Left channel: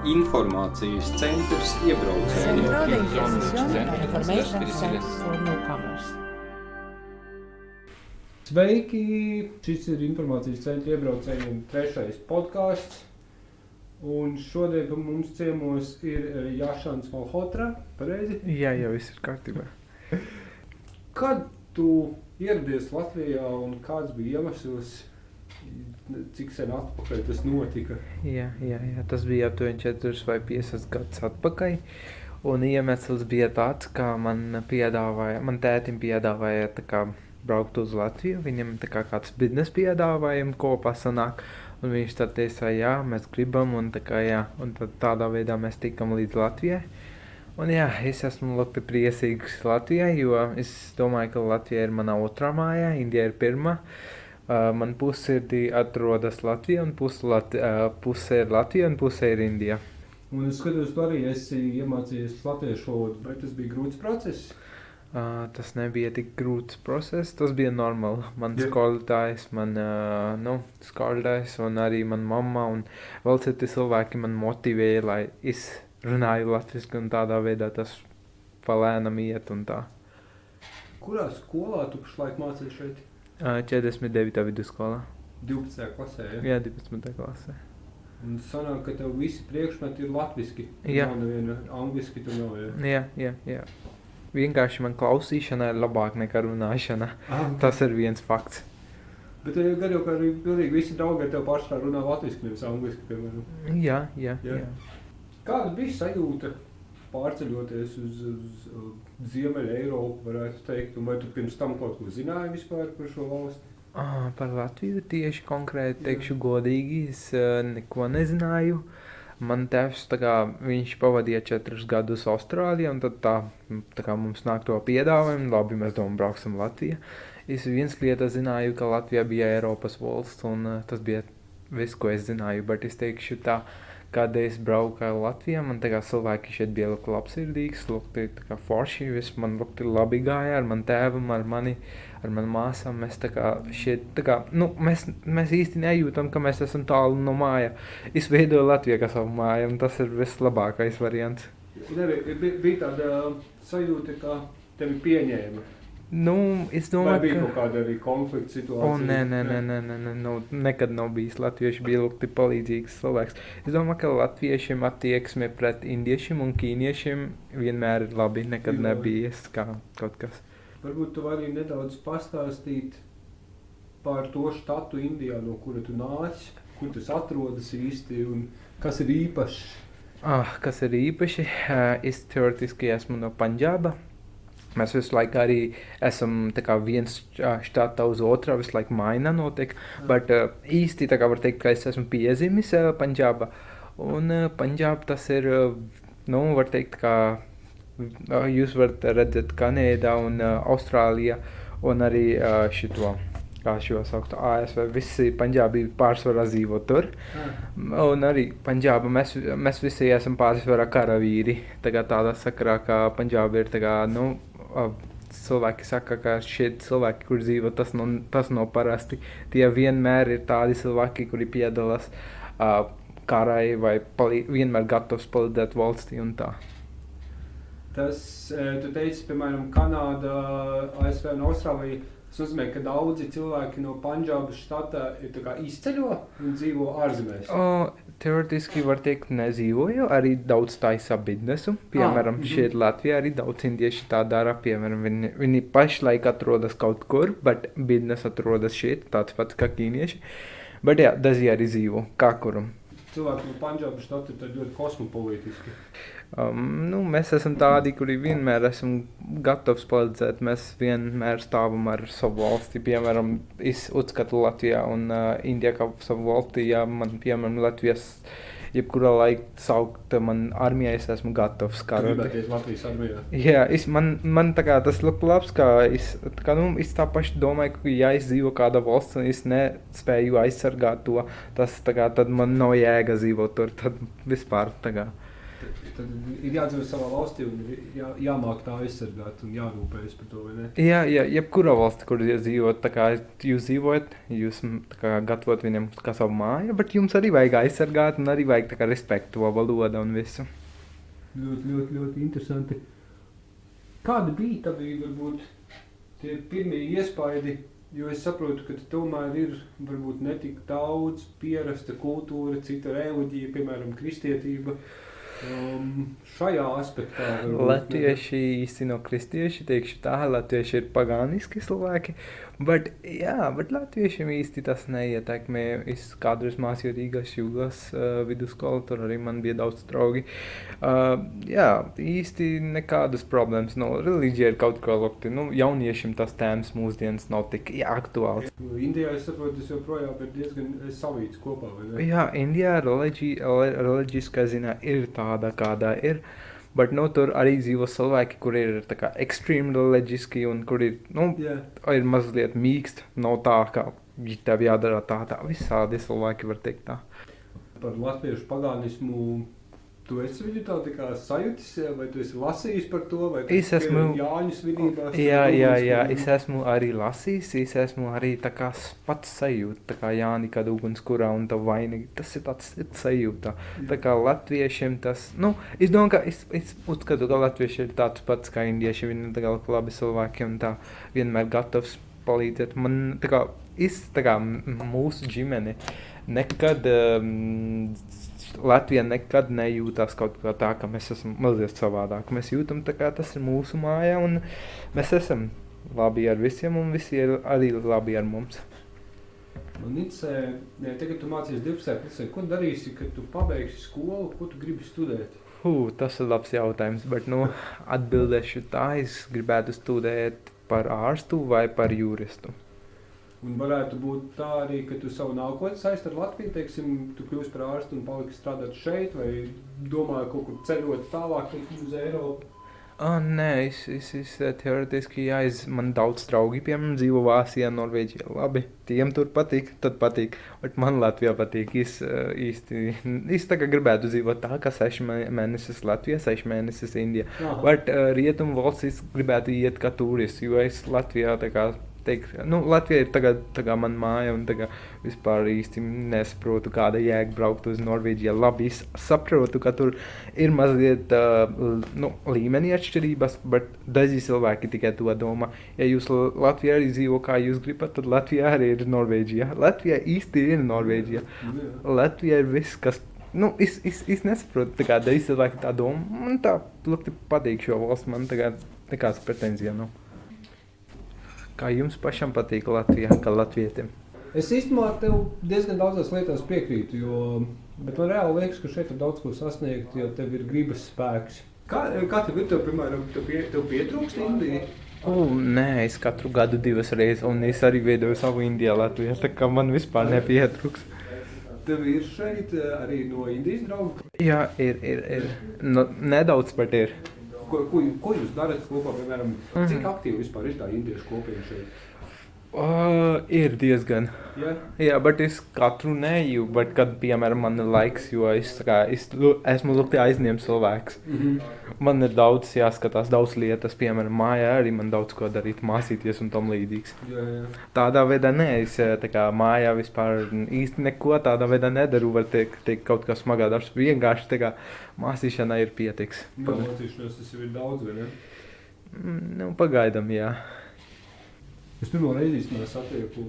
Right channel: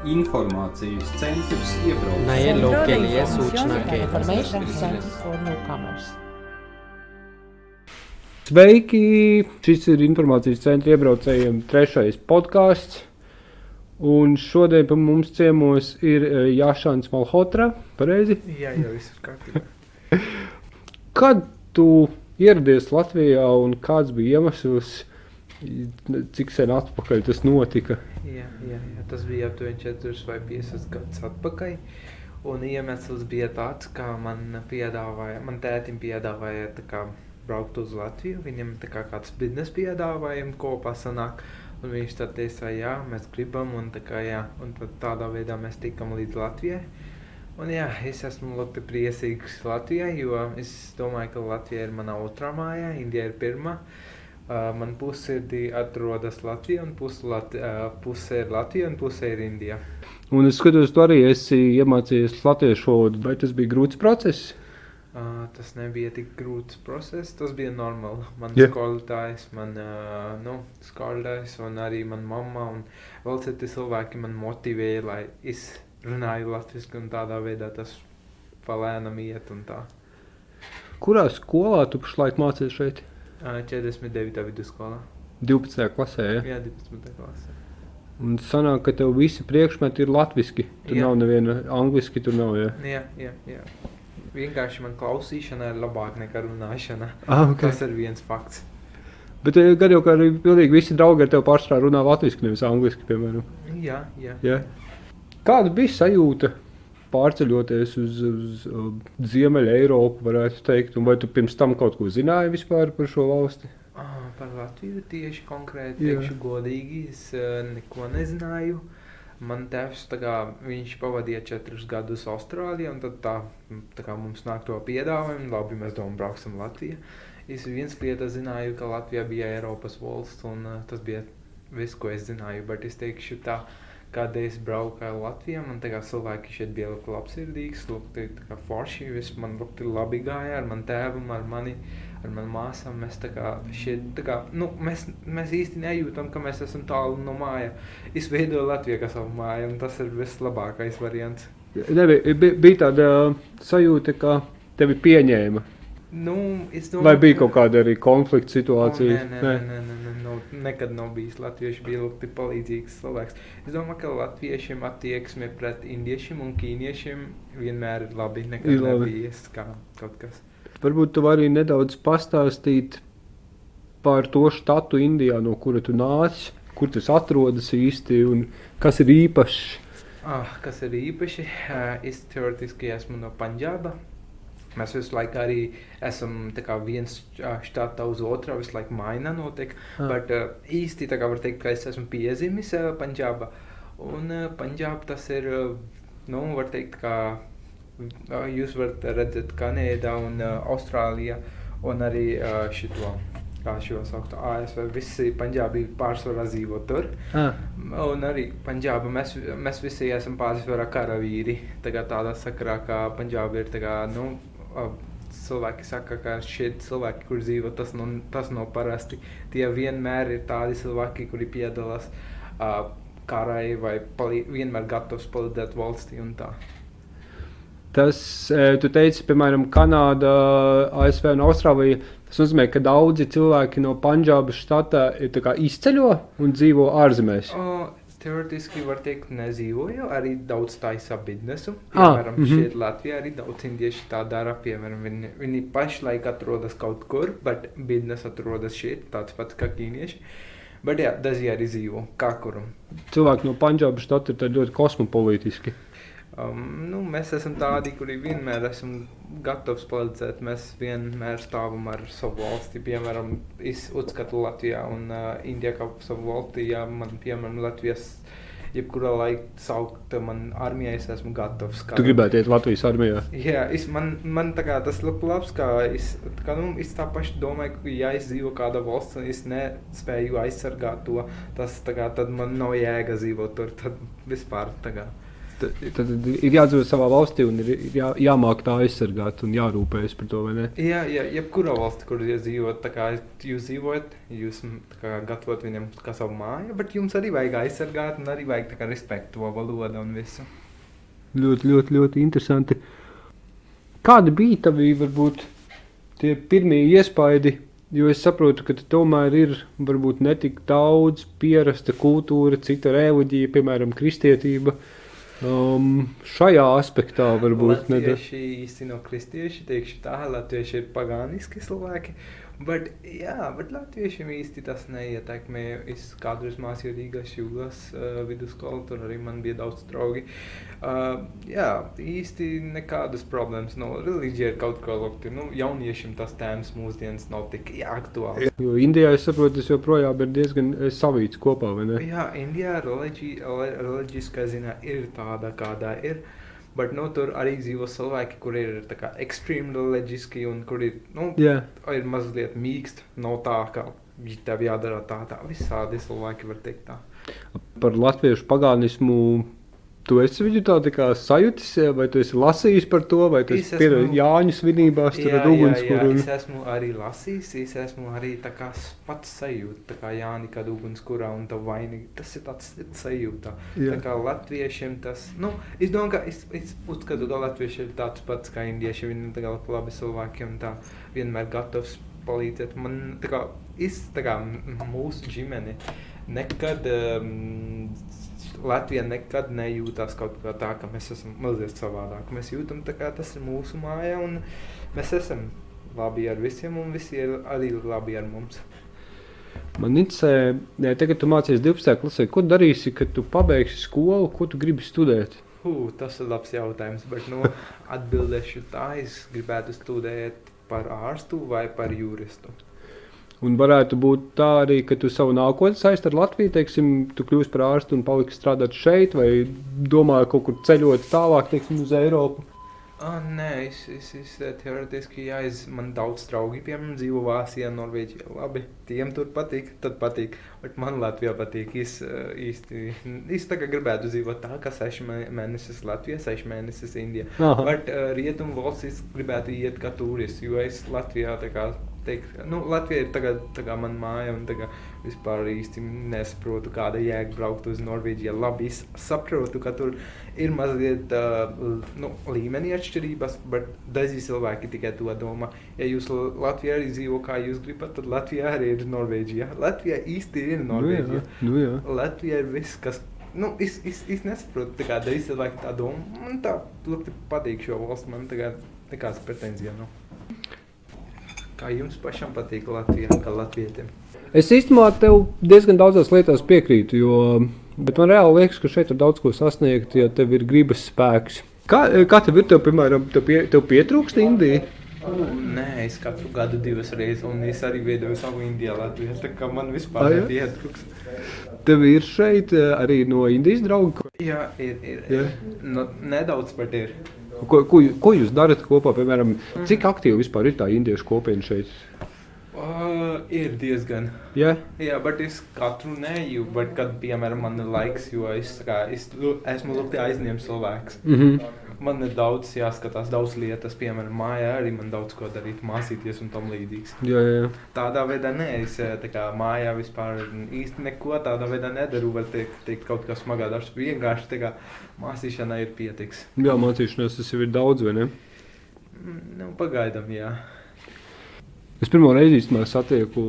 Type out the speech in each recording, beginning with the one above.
Informācijas centrs iebraucējiem. Centro de Información and Information Center for Newcomers. Sveiki! Šis ir Informācijas centra iebraucējiem 3. podkāsts. Un šodien pie mums ciemos ir Jašans Malhotra. Pareizi? Jā, jau viss ir kārtībā. Kad tu ieradies Latvijā un kāds bija iemesls, cik sen atpakaļ tas notika? Jā, tas bija aptuveni 4 vai 5 gadus atpakaļ. Un iemesls bija tāds, ka man tētim piedāvāja tā kā braukt uz Latviju. Viņam tā kā kāds biznesa piedāvājumi kopā sanāk. Un viņš tad teica, jā, mēs gribam, un tā kā jā. Un tad tādā veidā mēs tikam līdz Latvijai. Un jā, es esmu ļoti priecīgs Latvijai, jo es domāju, ka Latvija ir mana otrā māja, Indija ir pirmā. Man pussirdi atrodas Latvija, un puse ir Latvija, un puse ir Indija. Un es skatos, tu arī esi iemācījies latviešu valodu. Vai tas bija grūts process? Tas nebija tik grūts process, tas bija normāli. Man skolotājs, skolotājs un arī man mamma un vēl citi cilvēki man motivēja, lai es runāju latviski, un tādā veidā tas palēnam iet un tā. Kurā skolā tu pašlaik mācies šeit? 49. vidusskolā. 12. klasē, ja? Jā, 12. klasē. Un sanāk, ka tev visi priekšmeti ir latviski. Tur nav neviena angliski, tur nav, ja? Jā. Vienkārši man klausīšana ir labāk nekā runāšana. Okay. Tas ir viens fakts. Bet gan jau, ka arī pilnīgi visi draugi ar tev pārsvarā runā latviski, nevis angliski, piemēram. Jā. Kāda bija sajūta pārceļoties uz Ziemeļa Eiropu, varētu teikt? Un vai tu pirms tam kaut ko zināji vispār par šo valsti? Par Latviju tieši konkrēti teikšu godīgi, es neko nezināju. Man tēvs, viņš pavadīja 4 gadus Austrālijā, un tad tā kā mums nāk to piedāvājumu, labi, mēs brauksim Latvijā. Es viens lieta zināju, ka Latvija bija Eiropas valsts, un tas bija viss, ko es zināju, bet es teikšu tā, kad es braucu Latvijā, man cilvēki šeit bija ļoti labsirdīgs, ļoti forši, viss man ļoti labi gāja ar manu tēvu, ar manu māsām. Mēs šeit, mēs īsti nejūtam, ka mēs esam tālu no māja. Es veidoju Latviju kā savu māju, un tas ir vislabākais variants. Bija tāda sajūta, ka tevi pieņēma? Es domāju, vai bija kaut kāda arī konflikta situācija? Nē, nekad nav bijis. Latvieši bija ļoti palīdzīgs cilvēks. Es domāju, ka latviešiem attieksme pret indiešiem un ķīniešiem vienmēr ir labi, nekad nebija kā kaut kas. Varbūt tu vari nedaudz pastāstīt par to štatu Indijā, no kura tu nāc, kur tas atrodas īsti un kas ir īpašs? Kas ir īpaši? Es teoretiski esmu no Pandžāba. Mēs visu laiku arī esam viens štāta uz otrā, visu laiku maina notiek, bet īsti var teikt, ka es esmu piezīmis Pandžāba. Un Pandžāba tas ir, var teikt, ka jūs varat redzēt Kanādā un Austrālijā un arī šito, kā šo saukt, ASV, visi Pandžābi pārsvarā dzīvo tur. Un arī Pandžāba, mēs visi esam pārsvarā karavīri. Tādā sakarā, ka Pandžāba ir cilvēki saka, ka šeit cilvēki, kur dzīvo, tas nav parasti. Tie vienmēr ir tādi cilvēki, kuri piedalās karai vai vienmēr gatavs palīdzēt valstī un tā. Tas, tu teici, piemēram, Kanāda, ASV un Austrālija, tas nozīmē, ka daudzi cilvēki no Pandžābas štata izceļo un dzīvo ārzemēs? Teoretiski var teikt, nedzīvoju, arī daudz taisa biznesu. Piemēram, šeit Latvijā arī daudz indieši tā dara. Piemēram, viņi pašlaik atrodas kaut kur, bet biznes atrodas šeit, tāds pats kā ķīnieši. Bet jā, daži arī dzīvo, kā kuram. Cilvēki no Pandžābas štata ir ļoti kosmopolitiski. Mēs esam tādi, kuri vienmēr esam gatavs palīdzēt. Mēs vienmēr stāvam ar savu valsti. Piemēram, es uzskatu Latvijā un Indijā kā savu valsti. Ja man, piemēram, Latvijas jebkurā laikā saukt man armijā, es esmu gatavs. Tu gribētu iet Latvijas armijā? Jā, man tas ļoti labs, ka es tā paši domāju, ka ja es dzīvo kādā valsts un es nespēju aizsargāt to, tad man nav jēga dzīvot tur, tad vispār Tad ir jādzīvot savā valstī un ir jāmāk tā aizsargāt un jārūpējas par to, vai ne? Jā, jebkurā valstī, kur jūs dzīvot, tā kā jūs dzīvojat, jūs tā kā gatavot viņam kā savu māju, bet jums arī vajag aizsargāt un arī vajag tā kā respektu to valodu un visu. Ļoti interesanti. Kādi bija tavi, varbūt, tie pirmie iespaidi? Jo es saprotu, ka tomēr ir varbūt netik daudz pierasta kultūra, cita reliģija, piemēram, kristietība. Šajā aspektā varbūt Latvieši īsti nav kristieši, teikšu tā, latvieši ir pagāniski cilvēki, bet latviešiem īsti tas neietekmē. Es kādreiz mācīju Rīgas Jūgas vidusskolu, tur arī man bija daudz draugi. Īsti nekādas problēmas nav. Reliģija ir kaut kā lokti. Jauniešiem tas tēmas mūsdienas nav tik aktuāls. Jo Indijā, es saprotu, tas joprojām ir diezgan savīts kopā, vai ne? Jā, Indijā reliģiskā ziņā ir tāda, kādā ir. Bet tur arī dzīvo cilvēki, kur ir ekstrēmi reliģiski un kur ir mazliet mīksti. Nav tā, ka tev jādara tā. Visādi cilvēki var teikt tā. Par latviešu pagānismu tu esi viņu tā kā sajutis, vai tu esi lasījis par to, vai tu esi piedalījies Jāņu svinībās? Jā, es esmu arī lasījis, es esmu arī tā kā pats sajūta, tā kā Jāni, kad ugunskurā un tā vainīgi, tas ir tāds sajūta. Jā. Tā kā latviešiem tas, es domāju, ka es uzskatu, ka latvieši ir tāds pats kā indieši, viņi ir tā kā labi cilvēki un tā vienmēr gatavs palīdzēt. Man tā kā mūsu ģimene nekad... Latvija nekad nejūtās kaut kā tā, ka mēs esam mazliet savādāk. Mēs jūtam tā kā tas ir mūsu māja un mēs esam labi ar visiem un visi ir arī labi ar mums. Man interesē, tagad tu mācies 12. klasē, ko darīsi, kad tu pabeigsi skolu, ko tu gribi studēt? Tas ir labs jautājums, bet atbildēšu tā, es gribētu studēt par ārstu vai par juristu. Un varētu būt tā arī, ka tu savu nākotni saisti ar Latviju, teiksim, tu kļūsi par ārstu un paliksi strādāt šeit, vai domāju kaut kur ceļot tālāk, teiksim, uz Eiropu? Nē, es teoretiski, man daudz draugi, piemēram, dzīvo Vācijā, Norvēģijā, labi, tiem tur patīk, tad patīk, bet man Latvijā patīk, es tagad gribētu dzīvot tā, ka 6 mēnesis Latvijā, 6 mēnesis Indijā, bet rietumu valsts es gribētu iet kā turists, jo es Latvijā tā kā Latvija ir tagad man māja un vispār īsti nesaprotu, kāda jēga braukt uz Norvēģiju. Labi, es saprotu, ka tur ir mazliet līmeni atšķirības, bet daži cilvēki tikai to domā. Ja jūs Latvijā arī dzīvo, kā jūs gribat, tad Latvijā arī ir Norvēģija. Latvijā īsti ir Norvēģija. Jā. Latvijā ir viss, kas... Es nesaprotu, daži cilvēki tā domā. Man tā ļoti patīk šo valstu, man nekāds pretenzija nav. Kā jums pašam patīk Latvijā, kā latvietim? Es īstenībā tev diezgan daudzās lietās piekrītu, bet man reāli liekas, ka šeit ir daudz ko sasniegt, ja tev ir gribas spēks. Kā tev ir, piemēram, tev pietrūkst Indija? Nē, es katru gadu 2 reizes, un es arī veidoju savu Indijā Latvijā, tā kā man vispār nepietrūks. Tev ir šeit arī no Indijas draugi? Jā, ir. Nedaudz pat ir. Ko jūs darat kopā, piemēram, cik aktīvi vispār ir tā indiešu kopiena šeit? Ir diezgan. Yeah? Jā, bet es katru neju, bet kad, piemēram, man ir laiks, jo es esmu ļoti aizņemts cilvēks. Man ir daudz jāskatās, daudz lietas, piemēram, mājā arī man daudz ko darīt, mācīties un tam līdzīgs. Jā. Tādā veidā es mājā vispār īsti neko tādā veidā nedaru, var teikt kaut kā smagā darbs, vienkārši mācīšanā ir pietiks. Jā, mācīšanās tas jau ir daudz, vai ne? Pagaidam, jā. Es pirmo reizi satieku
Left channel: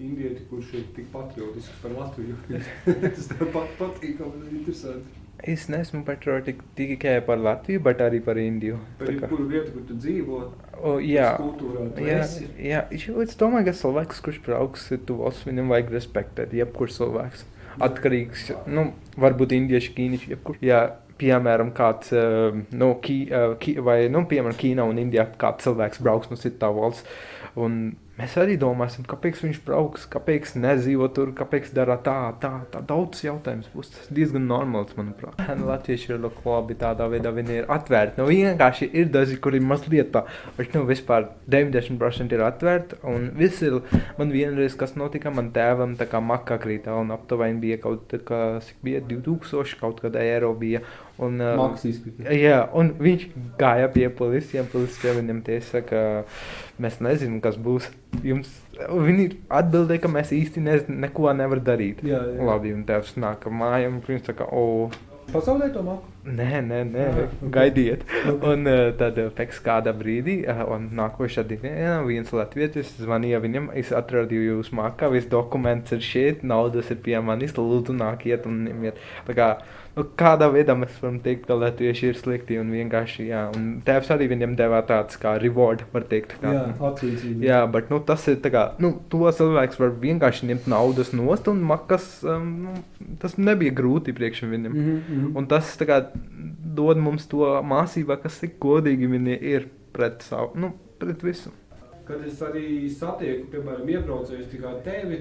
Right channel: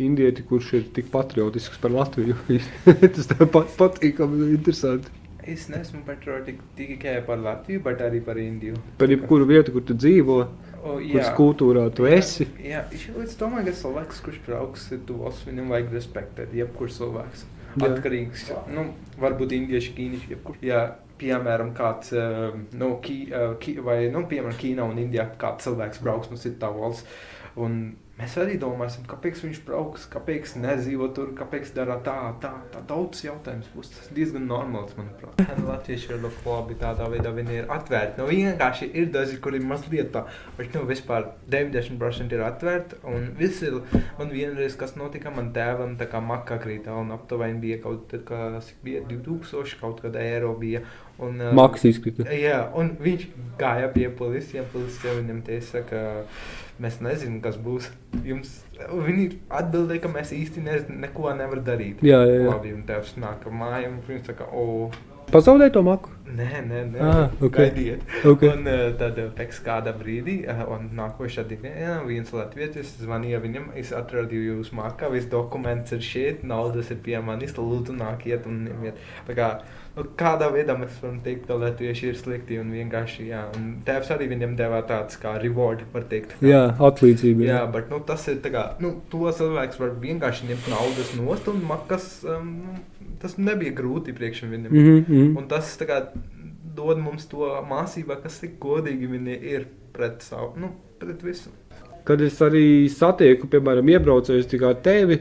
indieti, kurš ir tik patriotisks par Latviju. Tas tev patīkami, interesanti. Es neesmu patriotisks tikai par Latviju, bet arī par Indiju. Par jebkuru vietu, kur tu dzīvo, kuras kultūrā tu esi. Jā, es domāju, ka cilvēks, kurš brauks tu valsts, viņam vajag respektēt, jebkurš cilvēks. Atkarīgs, varbūt indieši, ķīnieši, jebkurš. Jā, piemēram, kāds, piemēram, Ķīnā un Indijā kāds cilvēks brauks no citā valsts, un mēs arī domāsim, kāpēc viņš brauks, kāpēc nedzīvo tur, kāpēc dara tā daudz jautājums būs. Tas diezgan normāls, manuprāt. Latvieši ir ļoti labi tādā veidā, viņi ir atvērti. Vienkārši ir daži, kuri mazliet tā, bet vispār 90% ir atvērti, un viss ir, man vienreiz, kas notika, man tēvam tā kā makā krītā, un aptuveni bija kaut kā, cik bija, 2000 kaut kāda eiro bija. Maks izkrita. Jā, un viņš gāja pie policiem viņam teica, ka mēs nezinām, kas būs. Viņi atbildēja, ka mēs īsti neko nevar darīt. Jā. Labi, un tēvs nāk mājā, un viņš saka, Pazaudēja to maku? Nē, okay. Gaidiet. Okay. Un tad pēc kāda brīdī, un nākošā dienā viens latvietis zvanīja viņam, es atradu jūs makā, viss dokuments ir šeit, naudas ir pie manis, lūdzu nākiet un ņemiet. Tā kā, kādā veidā mēs varam teikt, ka latvieši ir slikti un vienkārši, jā, un tēvs arī viņam devā tāds kā reward, var teikt. Kā, jā, atlīdzība. Jā, bet, tas ir tā kā, to cilvēks var vienkārši ņemt naudas nost un makas, tas nebija grūti priekš viņam. Un tas tā kā dod mums to mācību, kas tik godīgi viņi ir pret savu, pret visu. Kad es arī satieku, piemēram, iebraucējus tikai tevi,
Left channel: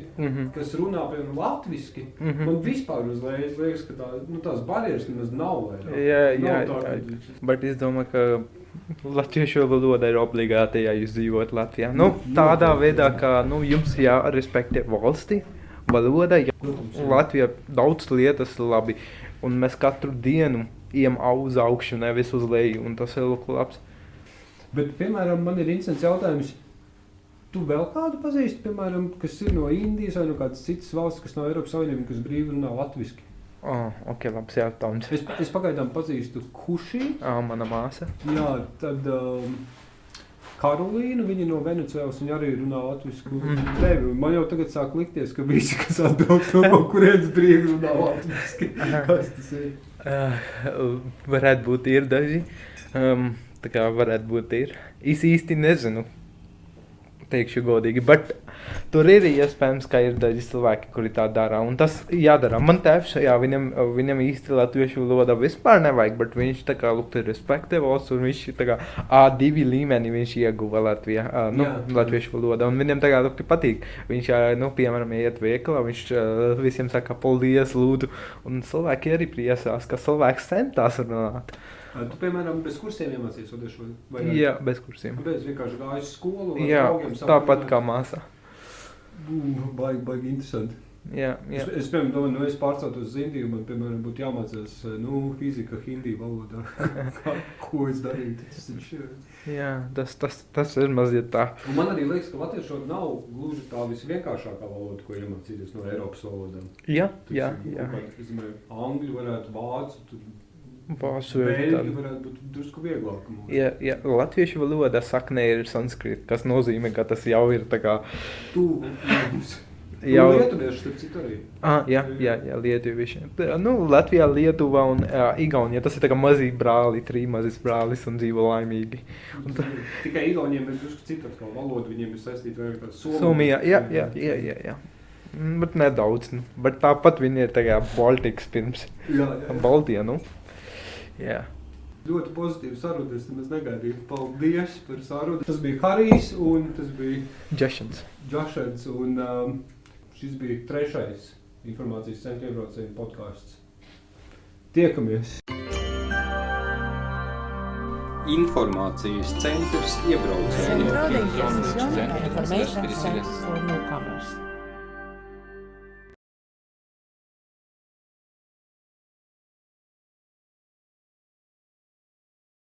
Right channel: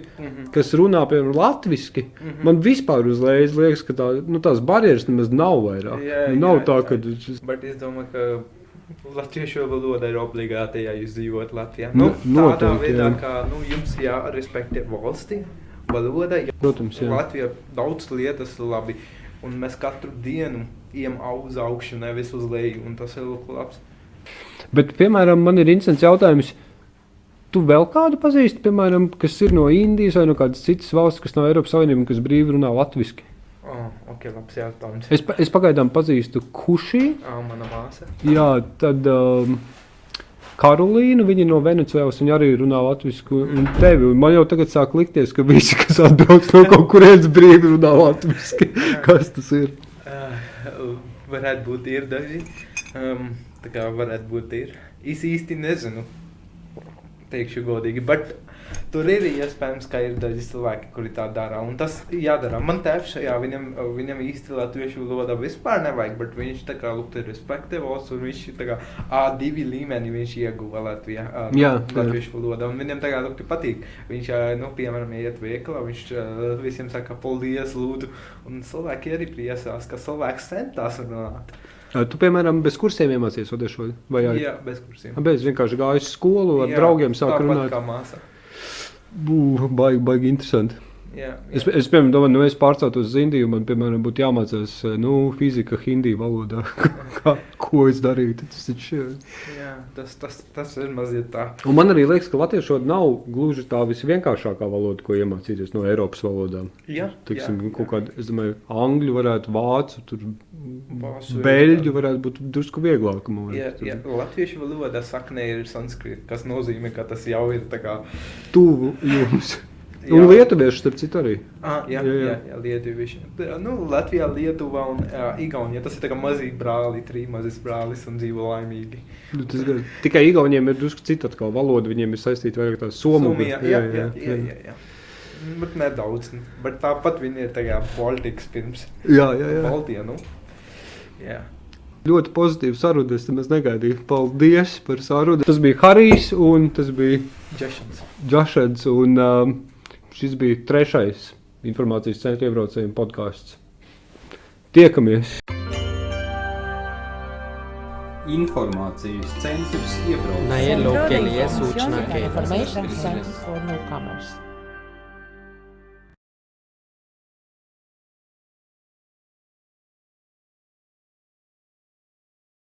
kas runā, piemēram, latviski, man vispār uzreiz liekas, ka tās barjeras nemaz nav vairāk. Nav tā, ka... Bet es domāju, ka latviešu valoda ir obligāti, ja jūs dzīvot Latvijā. Tādā veidā, ka jums jārespektē valsti, valoda, Protams, jā. Latvijā daudz lietas labi, un mēs katru dienu ejam uz augšu, nevis uz leju, un tas ir labs. Bet, piemēram, man ir interesants jautājums. Tu vēl kādu pazīsti, piemēram, kas ir no Indijas vai no kādas citas valsts, kas nav Eiropas Savienība, kas brīvi runā latviski? Ok, labs jautājums. Es pagaidām pazīstu Kuši. Mana māsa. Jā, tad Karolīnu, viņa no Venecuēlas, viņa arī runā latvisku. Tevi, un man jau tagad sāk likties, ka visi, kas atbrauc no kaut kurienes brīvi runā latviski. Kas tas ir? Varētu būt ir daži. Tā kā varētu būt ir. Es īsti nezinu. Teikšu godīgi, bet tur ir iespējams, ka ir daži cilvēki, kuri tā dara, un tas jādara. Man tēvs, viņam īsti latviešu valoda vispār nevajag, bet viņš tā kā lūgtu respektē valsts, un viņš tā kā A2 līmeni viņš ieguva Latvijā, latviešu valoda, un viņam tā kā lūgtu patīk. Viņš, piemēram, iet veikalā, viņš visiem saka paldies, lūdzu, un cilvēki arī priecās, ka cilvēks centās runāt. Tu, piemēram, bez kursiem iemācies vadīšu? Jā, bez kursiem. Bez vienkārši gāju skolu ar draugiem sāk runāt? Tāpat kā māsa. Baigi interesanti. Jā. Es piemēram, domāju, es pārceltos uz Indiju, man, piemēram, būtu jāmācās, fizika hindi valodā. Ko es darītu? Jā, tas ir mazliet tā. Un man arī liekas, ka latviešu valoda nav gluži tā visvienkāršākā valoda, ko iemācīties no Eiropas valodām. Jā. Kāda, es domāju, angļu varētu, vācu, beļģu varētu būt drusku vieglāk. Jā, latviešu valoda saknē ir sanskrīt, kas nozīmē, ka tas jau ir tā kā... Tuvu jums. Un lietuvieši, starp citu arī. Jā, lietuvieši. Latvijā, Lietuva un Igaunija, tas ir tā kā mazī brāli, 3 mazis brālis un dzīvo laimīgi. Tikai Igauniem ir drusku cita atkal valoda, viņiem ir saistīta vairāk tā Somija. Jā. Bet nedaudz, bet tāpat viņi ir tā kā Baltiks pirms. Jā. Baltija, Jā. Ļoti pozitīvi saruna, es nemaz negaidīju. Paldies par sarunu. Tas bija Harijs un tas bija Džašans un šis bija 3. informācijas centra iebraucējiem podcasts. Tiekamies! Informācijas centrs iebraucējiem. Centro de Information and Information Center for Newcomers.